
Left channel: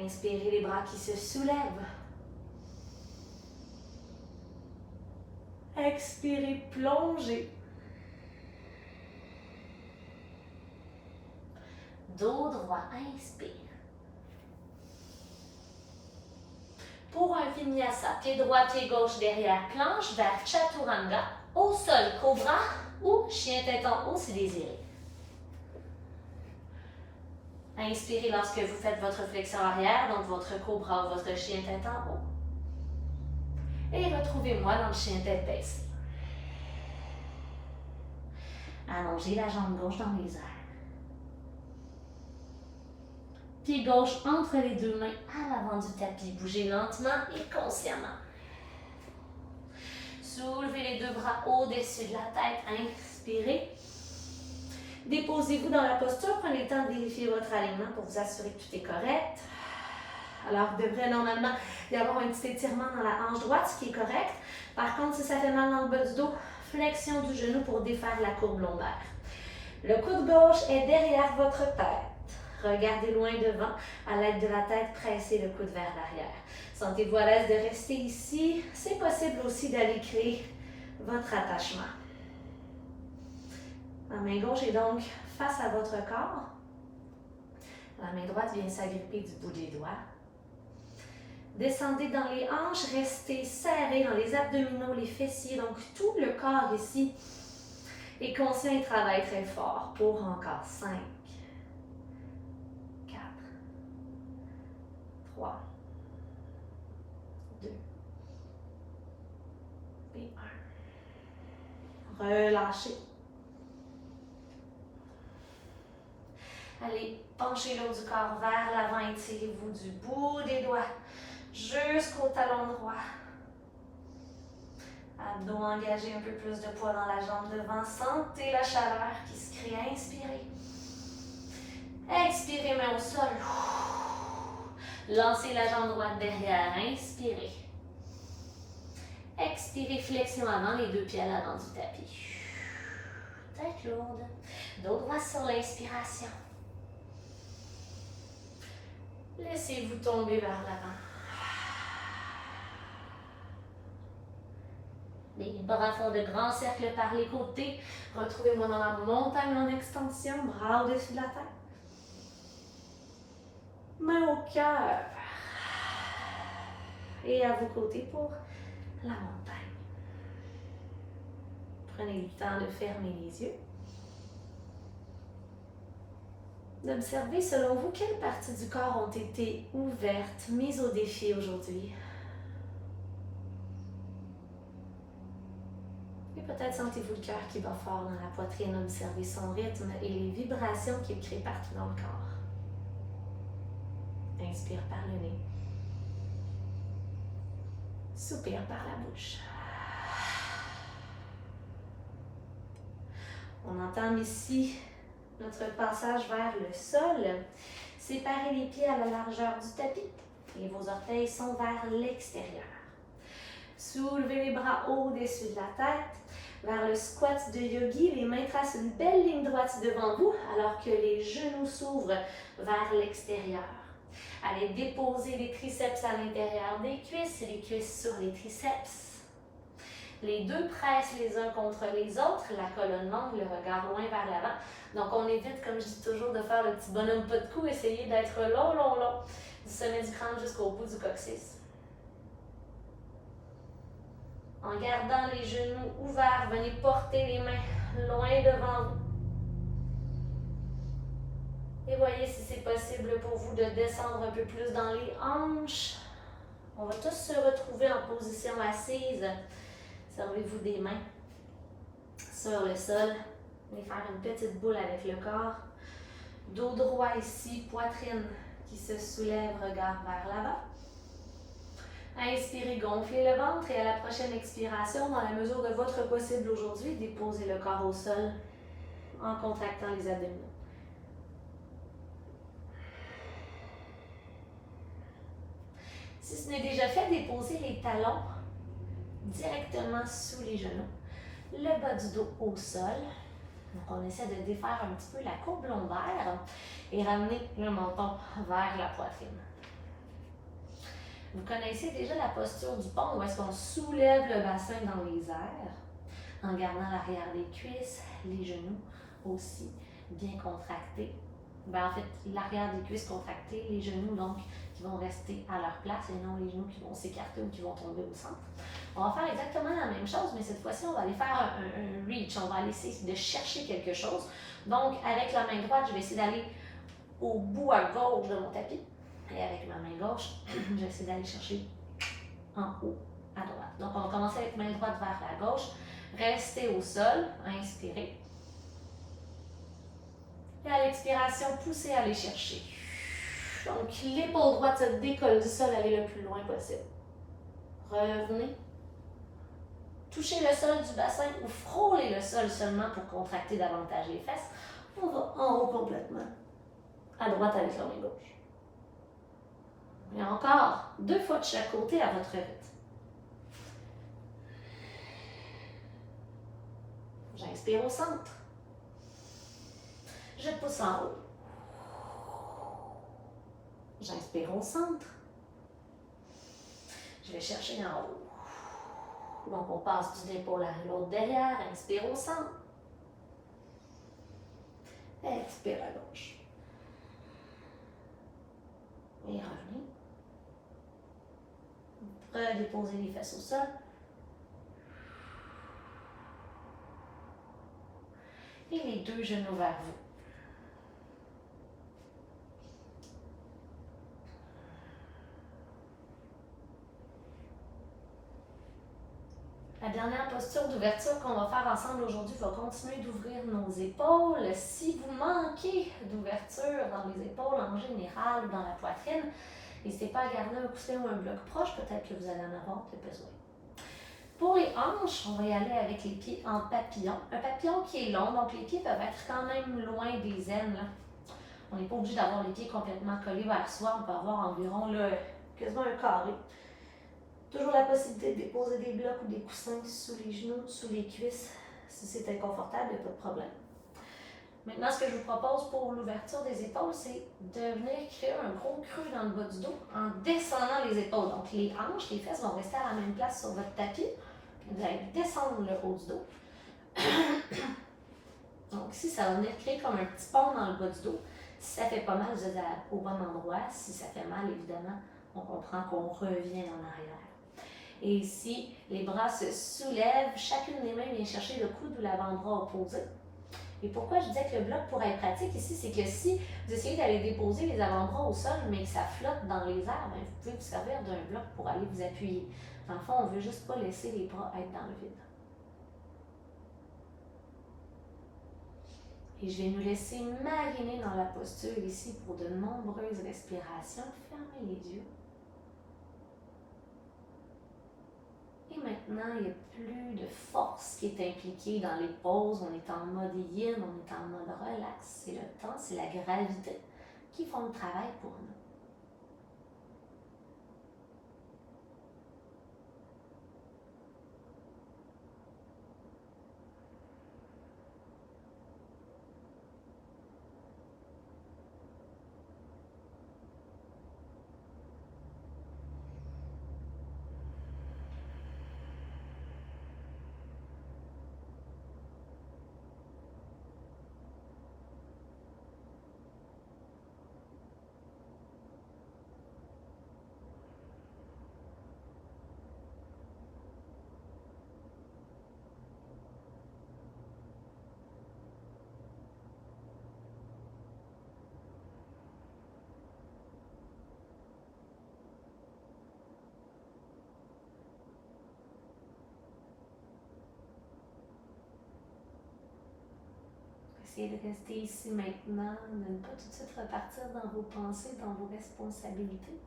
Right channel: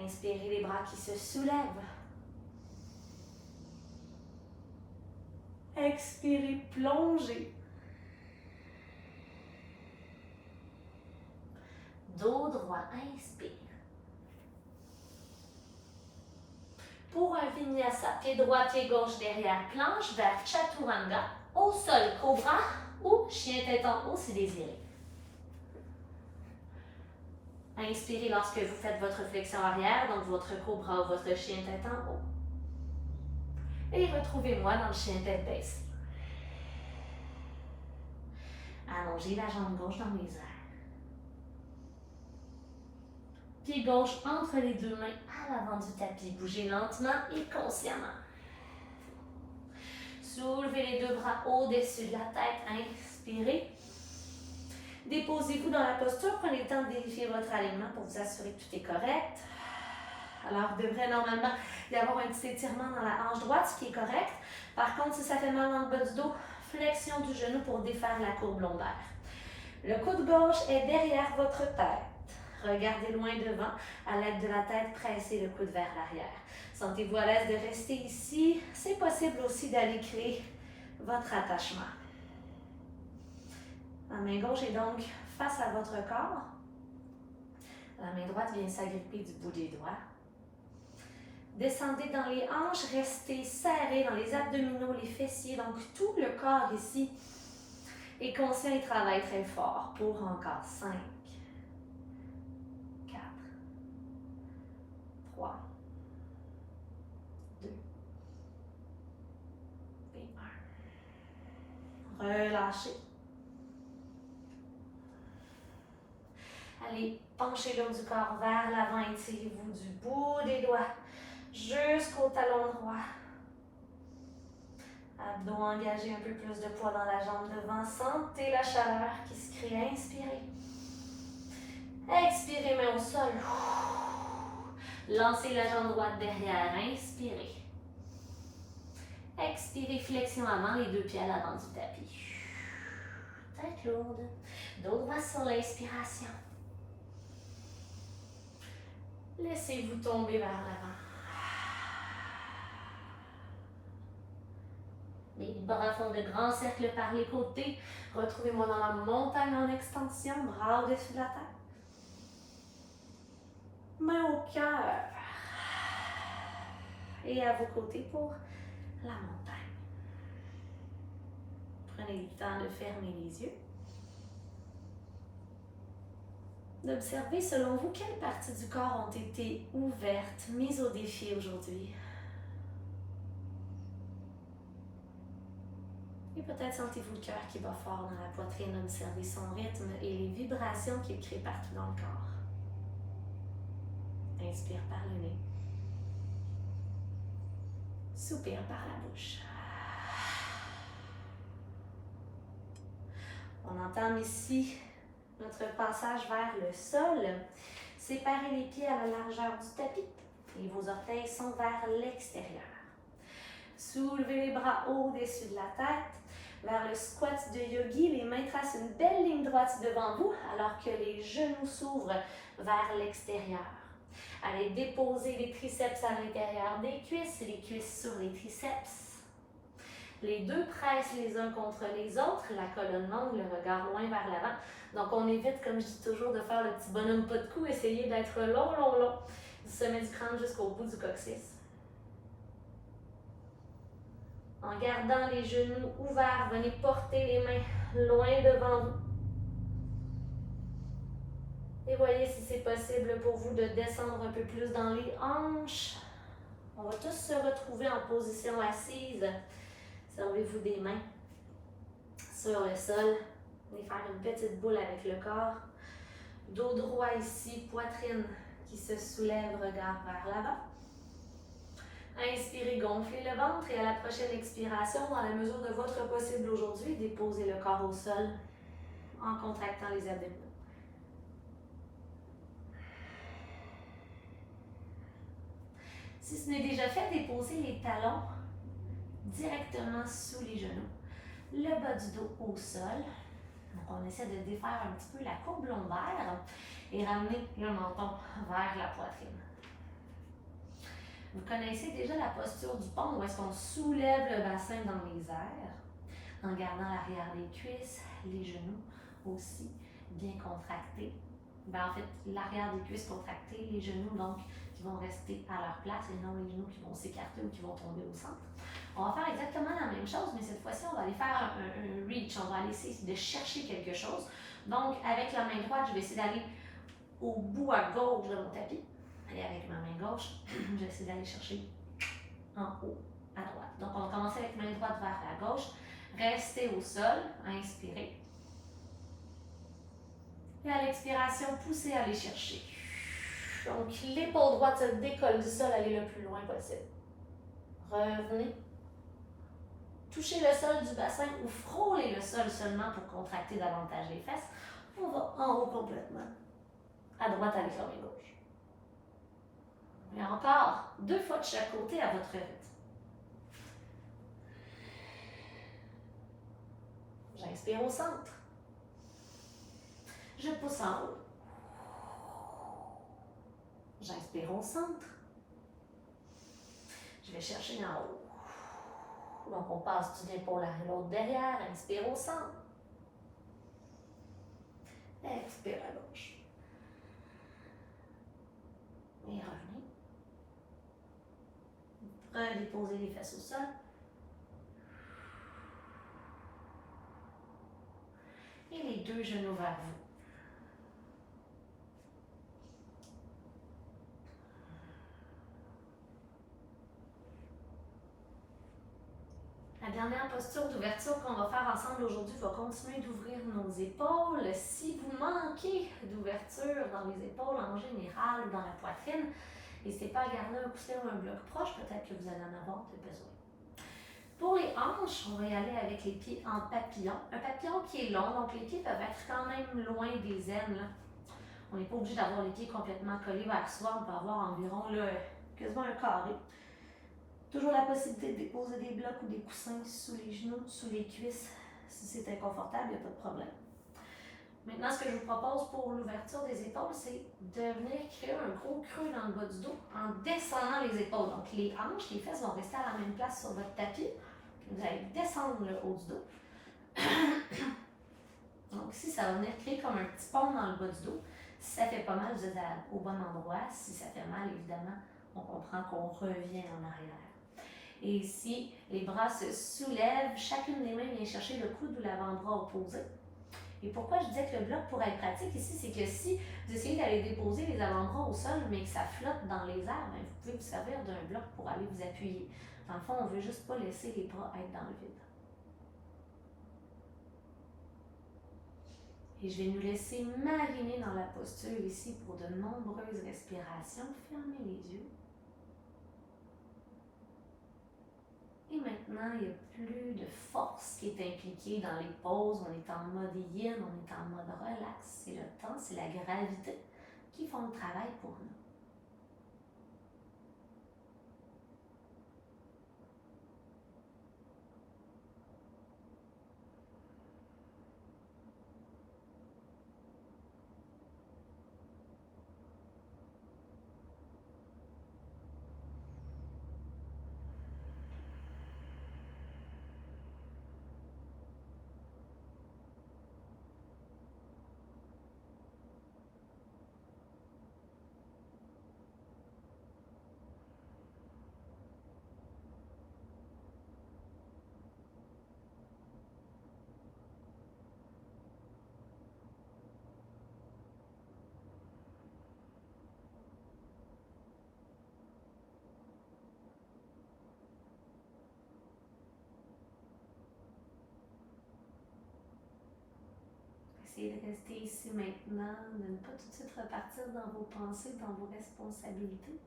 Inspirez les bras qui se soulèvent. Expirez, plongez. Dos droit, inspire. Pour un vinyasa, pied droit, pied gauche derrière, planche vers chaturanga, au sol, cobra ou chien tête en haut si désiré. Inspirez lorsque vous faites votre flexion arrière, donc votre cobra ou votre chien tête en haut. Et retrouvez-moi dans le chien tête baissée. Allongez la jambe gauche dans les airs. Pied gauche entre les deux mains à l'avant du tapis. Bougez lentement et consciemment. Soulevez les deux bras au-dessus de la tête. Inspirez. Déposez-vous dans la posture. Prenez le temps de vérifier votre alignement pour vous assurer que tout est correct. Alors, il devrait normalement y avoir un petit étirement dans la hanche droite, ce qui est correct. Par contre, si ça fait mal dans le bas du dos, flexion du genou pour défaire la courbe lombaire. Le coude gauche est derrière votre tête. Regardez loin devant, à l'aide de la tête, pressez le coude vers l'arrière. Sentez-vous à l'aise de rester ici. C'est possible aussi d'aller créer votre attachement. La main gauche est donc face à votre corps. La main droite vient s'agripper du bout des doigts. Descendez dans les hanches, restez serrés dans les abdominaux, les fessiers, donc tout le corps ici est conscient et travaille très fort pour encore 5. 4, 3, 2 et 1. Relâchez. Allez, penchez le haut du corps vers l'avant, étirez-vous du bout des doigts jusqu'au talon droit. Abdos engagés, un peu plus de poids dans la jambe devant. Sentez la chaleur qui se crée. Inspirez. Expirez, main au sol. Lancez la jambe droite derrière. Inspirez. Expirez, flexion avant, les 2 pieds à l'avant du tapis. Tête lourde. Dos droit sur l'inspiration. Laissez-vous tomber vers l'avant. Les bras font de grands cercles par les côtés. Retrouvez-moi dans la montagne en extension, bras au-dessus de la tête. Main au cœur. Et à vos côtés pour la montagne. Prenez le temps de fermer les yeux. D'observer selon vous quelles parties du corps ont été ouvertes, mises au défi aujourd'hui. Et peut-être sentez-vous le cœur qui bat fort dans la poitrine, observez son rythme et les vibrations qu'il crée partout dans le corps. Inspire par le nez. Soupire par la bouche. On entame ici notre passage vers le sol. Séparez les pieds à la largeur du tapis et vos orteils sont vers l'extérieur. Soulevez les bras au-dessus de la tête. Vers le squat de yogi, les mains tracent une belle ligne droite devant vous alors que les genoux s'ouvrent vers l'extérieur. Allez déposer les triceps à l'intérieur des cuisses, les cuisses sur les triceps. Les 2 pressent les uns contre les autres, la colonne longue, le regard loin vers l'avant. Donc on évite, comme je dis toujours, de faire le petit bonhomme pas de cou, essayez d'être long, long, long, du sommet du crâne jusqu'au bout du coccyx. En gardant les genoux ouverts, venez porter les mains loin devant vous. Et voyez si c'est possible pour vous de descendre un peu plus dans les hanches. On va tous se retrouver en position assise. Servez-vous des mains sur le sol. Venez faire une petite boule avec le corps. Dos droit ici, poitrine qui se soulève, regard vers l'avant. Inspirez, gonflez le ventre et à la prochaine expiration, dans la mesure de votre possible aujourd'hui, déposez le corps au sol en contractant les abdominaux. Si ce n'est déjà fait, déposez les talons directement sous les genoux, le bas du dos au sol. Donc on essaie de défaire un petit peu la courbe lombaire et ramener le menton vers la poitrine. Vous connaissez déjà la posture du pont où est-ce qu'on soulève le bassin dans les airs en gardant l'arrière des cuisses, les genoux aussi bien contractés. En fait, l'arrière des cuisses contractées, les genoux donc qui vont rester à leur place et non les genoux qui vont s'écarter ou qui vont tomber au centre. On va faire exactement la même chose, mais cette fois-ci, on va aller faire un reach. On va aller essayer de chercher quelque chose. Donc, avec la main droite, je vais essayer d'aller au bout à gauche de mon tapis. Et avec ma main gauche, je vais essayer d'aller chercher en haut à droite. Donc, on va commencer avec main droite vers la gauche. Restez au sol. Inspirez. Et à l'expiration, poussez à aller chercher. Donc, l'épaule droite se décolle du sol, allez le plus loin possible. Revenez. Touchez le sol du bassin ou frôlez le sol seulement pour contracter davantage les fesses. On va en haut complètement. À droite avec la main gauche. Et encore, 2 fois de chaque côté à votre rythme. J'inspire au centre. Je pousse en haut. J'inspire au centre. Je vais chercher en haut. Donc, on passe d'une épaule à l'autre derrière. Inspire au centre. Expire à gauche. Et revenez. Redéposez les fesses au sol. Et les 2 genoux vers vous. dernière posture d'ouverture qu'on va faire ensemble aujourd'hui va continuer d'ouvrir nos épaules. Si vous manquez d'ouverture dans les épaules en général ou dans la poitrine, n'hésitez pas à garder un coussin ou un bloc proche, peut-être que vous allez en avoir besoin. Pour les hanches, on va y aller avec les pieds en papillon. Un papillon qui est long, donc les pieds peuvent être quand même loin des aines. Là. On n'est pas obligé d'avoir les pieds complètement collés vers soi, on peut avoir environ là, quasiment un carré. Toujours la possibilité de déposer des blocs ou des coussins sous les genoux, sous les cuisses. Si c'est inconfortable, il n'y a pas de problème. Maintenant, ce que je vous propose pour l'ouverture des épaules, c'est de venir créer un gros creux dans le bas du dos en descendant les épaules. Donc, les hanches, les fesses vont rester à la même place sur votre tapis. Vous allez descendre le haut du dos. Donc, ici, ça va venir créer comme un petit pont dans le bas du dos. Si ça fait pas mal, vous êtes au bon endroit. Si ça fait mal, évidemment, on comprend qu'on revient en arrière. Et ici, les bras se soulèvent, chacune des mains vient chercher le coude ou l'avant-bras opposé. Et pourquoi je disais que le bloc pourrait être pratique ici, c'est que si vous essayez d'aller déposer les avant-bras au sol, mais que ça flotte dans les airs, bien, vous pouvez vous servir d'un bloc pour aller vous appuyer. Dans le fond, on ne veut juste pas laisser les bras être dans le vide. Et je vais nous laisser mariner dans la posture ici pour de nombreuses respirations. Fermez les yeux. Et maintenant, il n'y a plus de force qui est impliquée dans les poses. On est en mode yin, on est en mode relax. C'est le temps, c'est la gravité qui font le travail pour nous. Essayez de rester ici maintenant, de ne pas tout de suite repartir dans vos pensées, dans vos responsabilités.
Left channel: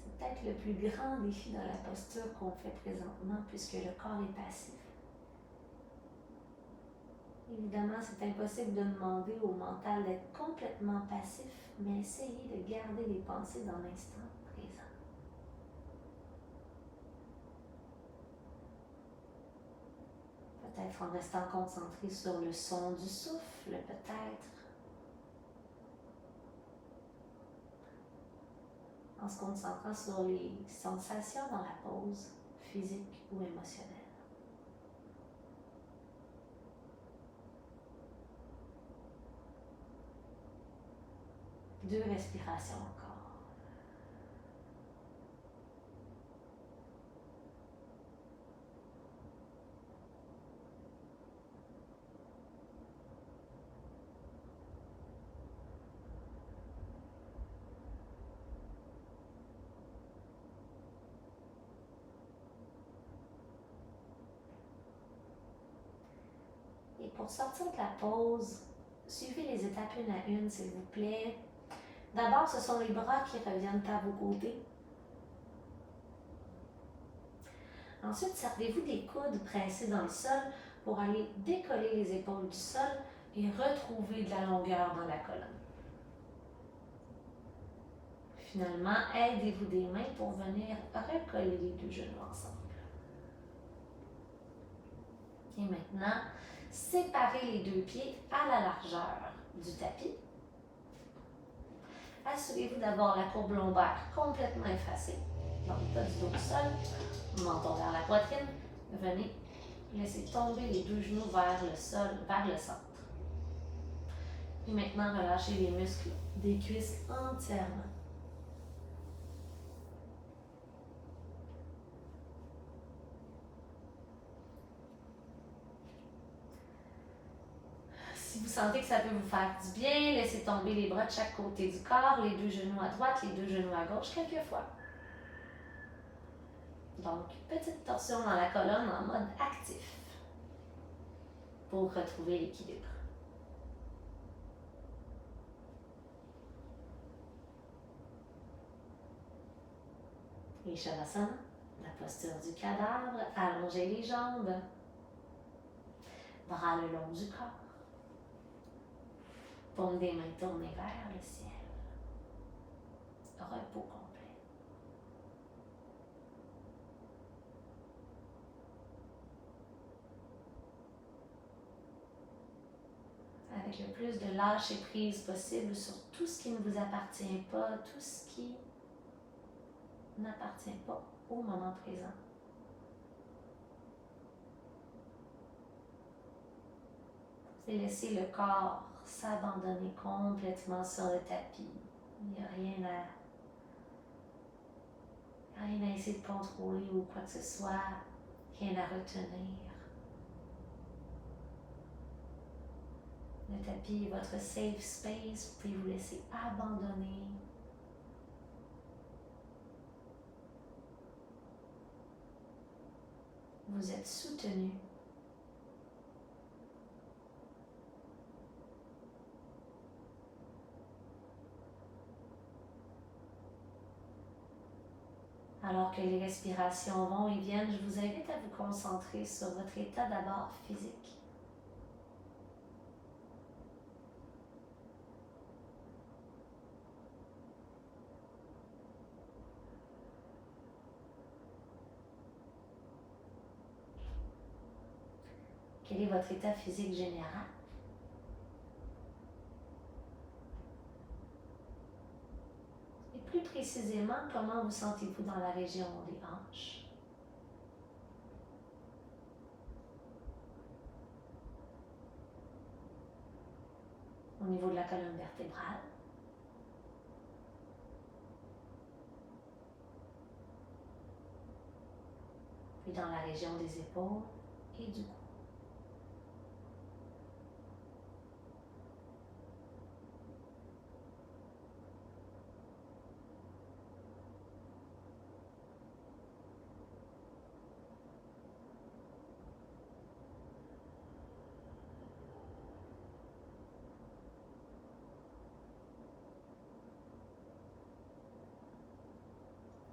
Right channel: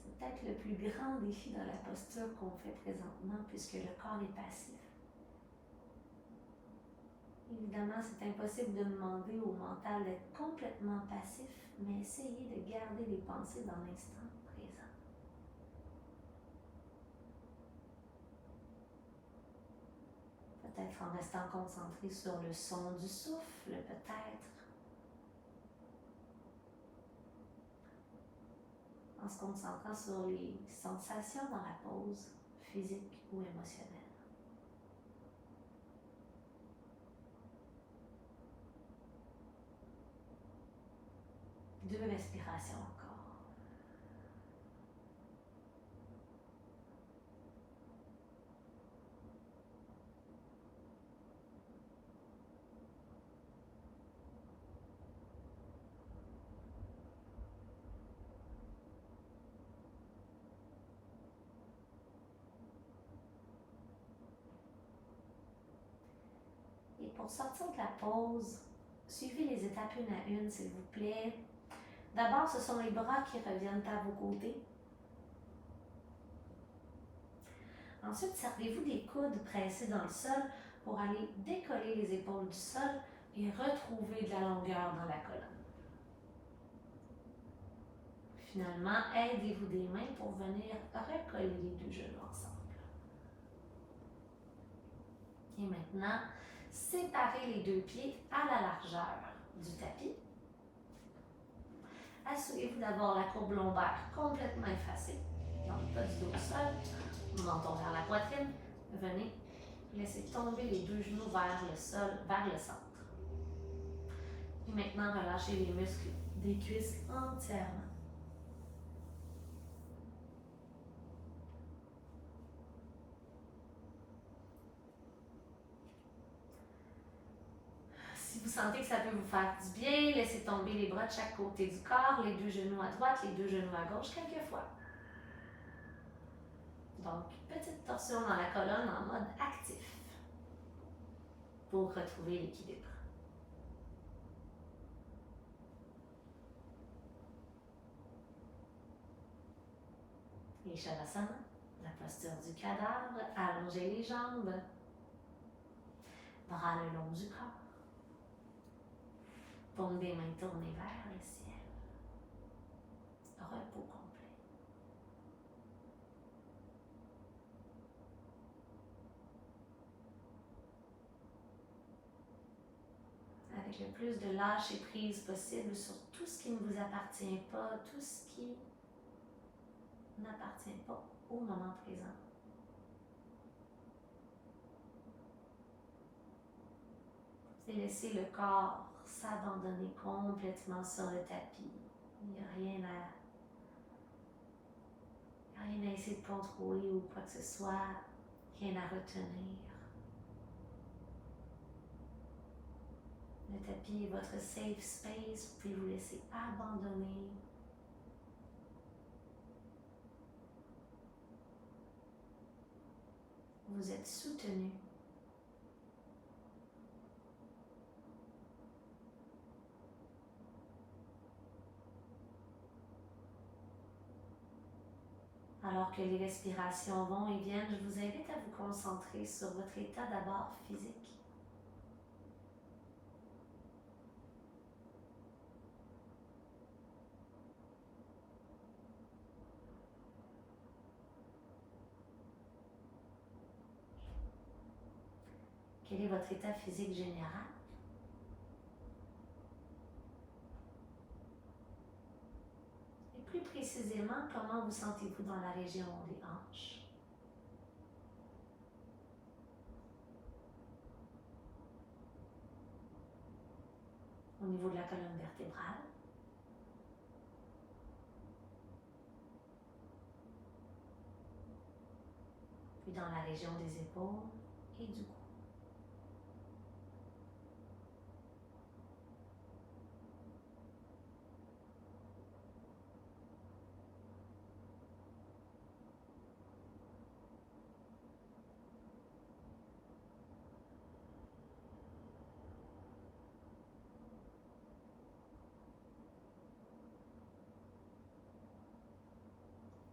C'est peut-être le plus grand défi dans la posture qu'on fait présentement puisque le corps est passif. Évidemment, c'est impossible de demander au mental d'être complètement passif, mais essayez de garder les pensées dans l'instant présent. Peut-être en restant concentré sur le son du souffle, peut-être. En se concentrant sur les sensations dans la pause, physique ou émotionnelle. Deux respirations encore. Et pour sortir de la pause, suivez les étapes une à une, s'il vous plaît. D'abord, ce sont les bras qui reviennent à vos côtés. Ensuite, servez-vous des coudes pressés dans le sol pour aller décoller les épaules du sol et retrouver de la longueur dans la colonne. Finalement, aidez-vous des mains pour venir recoller les deux genoux ensemble. Et maintenant, séparez les deux pieds à la largeur du tapis. Assurez-vous d'avoir la courbe lombaire complètement effacée. Donc, pas du dos au sol, menton vers la poitrine. Venez, laissez tomber les deux genoux vers le sol, vers le centre. Et maintenant, relâchez les muscles des cuisses entièrement. Si vous sentez que ça peut vous faire du bien, laissez tomber les bras de chaque côté du corps, les deux genoux à droite, les deux genoux à gauche quelques fois. Donc, petite torsion dans la colonne en mode actif pour retrouver l'équilibre. Et Shavasana, la posture du cadavre, allongez les jambes, bras le long du corps, paume des mains tournées vers le ciel, repos complet. Avec le plus de lâcher prise possible sur tout ce qui ne vous appartient pas, tout ce qui n'appartient pas au moment présent. Et laissez le corps s'abandonner complètement sur le tapis. Il n'y a rien à essayer de contrôler ou quoi que ce soit, rien à retenir. Le tapis est votre safe space, vous pouvez vous laisser abandonner. Vous êtes soutenu. Alors que les respirations vont et viennent, je vous invite à vous concentrer sur votre état d'abord physique. Quel est votre état physique général? Et plus précisément, comment vous sentez-vous dans la région des hanches? Au niveau de la colonne vertébrale? Puis dans la région des épaules et du cou.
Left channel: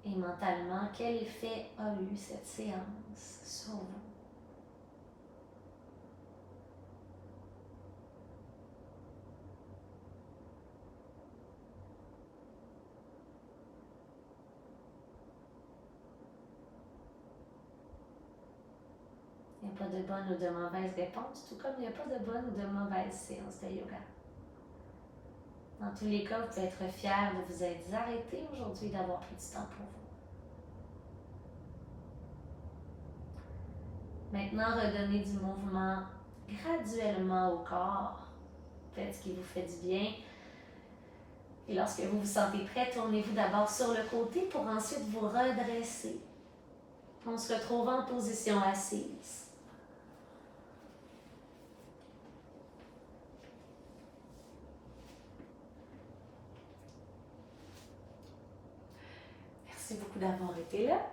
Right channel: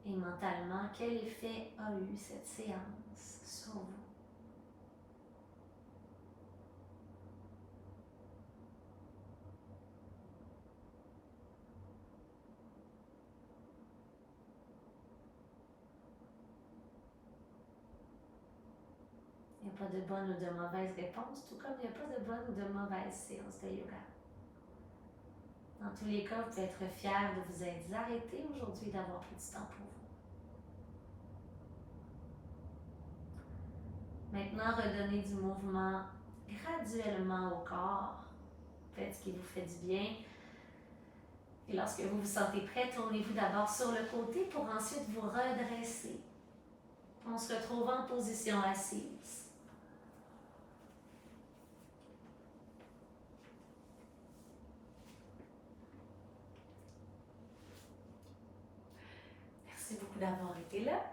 Et mentalement, quel effet a eu cette séance sur vous? Il n'y a pas de bonne ou de mauvaise réponse, tout comme il n'y a pas de bonne ou de mauvaise séance de yoga. Dans tous les cas, vous pouvez être fier de vous être arrêté aujourd'hui, d'avoir pris du temps pour vous. Maintenant, redonnez du mouvement graduellement au corps. Faites ce qui vous fait du bien. Et lorsque vous vous sentez prêt, tournez-vous d'abord sur le côté pour ensuite vous redresser. On se retrouve en position assise. Merci beaucoup d'avoir été là.